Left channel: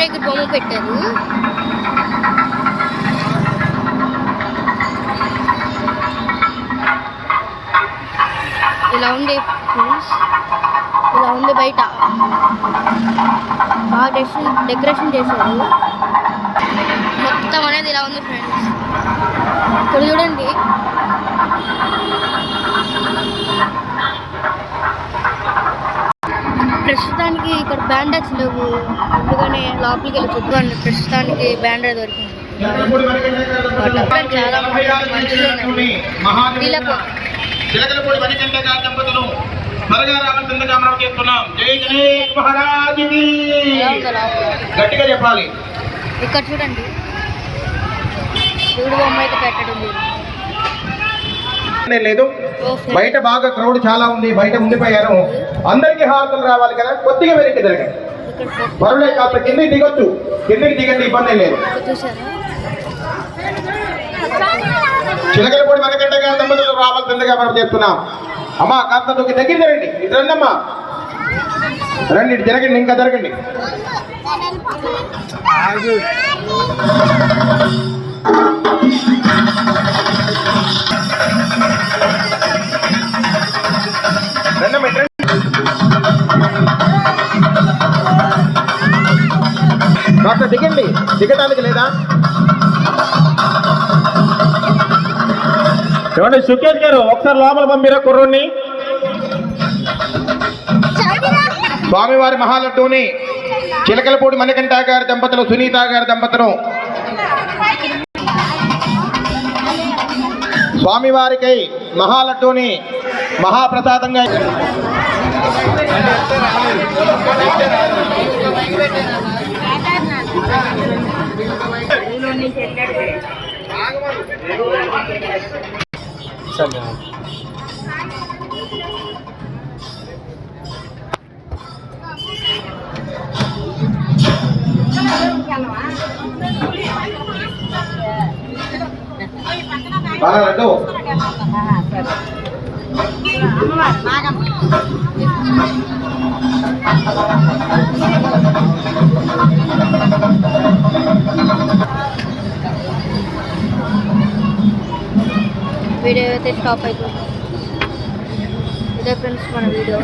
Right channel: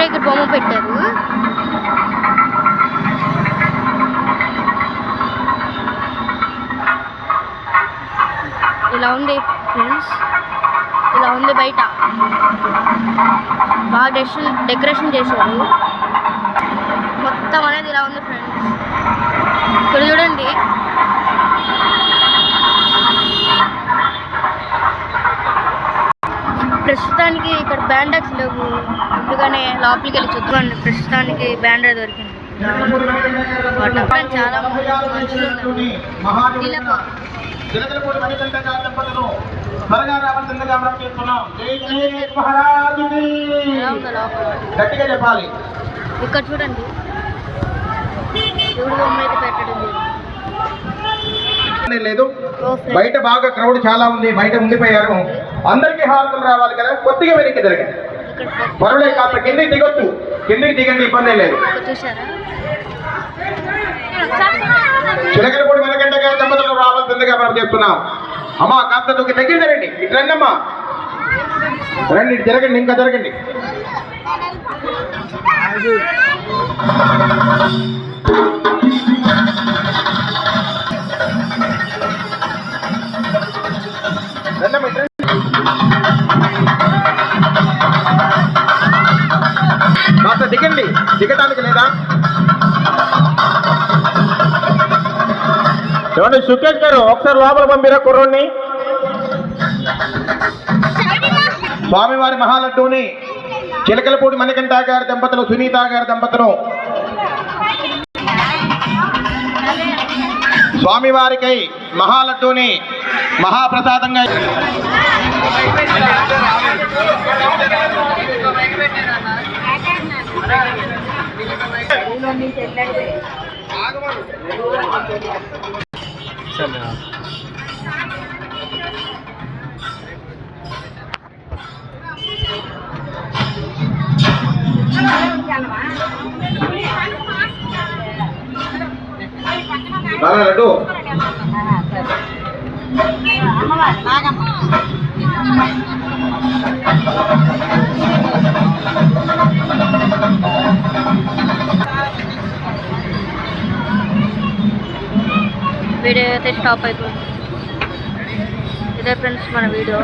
వినాయకుడి బొమ్మ పెట్టారు. ఇలా ఉంది ఫ్రెండ్స్, ఇలా ఉంది బయట. బాగా డెకరేషన్ చేశారు. మొత్తం అనేది ఇలా ఉంది ఫ్రెండ్స్. ఇక్కడ చూడండి, ప్రస్తుతానికి ఇక్కడ బ్యాండెక్స్ లేవు, అందుకనే లోపలికి వెళ్ళి చూద్దామండి. ప్రస్తుతానికి బ్యాండర్ దొరికింది. చాలా మనుషులు ఇక్కడ చూడండి, శివుడు బొమ్మ అయితే పెట్టడం లేదు. బయట బాగా క్రౌడ్ చాలా ఉంది, బయట ఉండిపోయారు. అందరికీ హారతులు రావాలి కదా, కొద్దిగా వెనక్కి జరగండి. మరులే కాస్త కిందికి దిగొచ్చు, కిందికి దిగండి, ఇబ్బంది లేదు. చిలకలపూడి మనకంట గారి దంపతులు రావాల్సిందిగా మనం చెప్తున్నాం. అమ్మా కాస్త నువ్వు దగ్గర జరగండి, ఇటు రండి అమ్మా, రండి, ఇటు జరగండి, ఇంకా జరగండి. కాస్త దిగండి, దిగటానికి లేదా? చూడండి సుకేష్ గారు, ఒకసారి లోపల పంపిరా కుర్రోని. స్వామివారి మహాలడ్డూని చిలకలపూడి మణికంఠ గారి దంపతులు, సునీత గారి దంపతులు స్వామివారికి మహాలడ్డూని మహాప్రసాదంగా లడ్డు వీడియో అయితే స్టాప్ అయిపోయింది. ఇదే ఫ్రెండ్స్ మన వీడియో.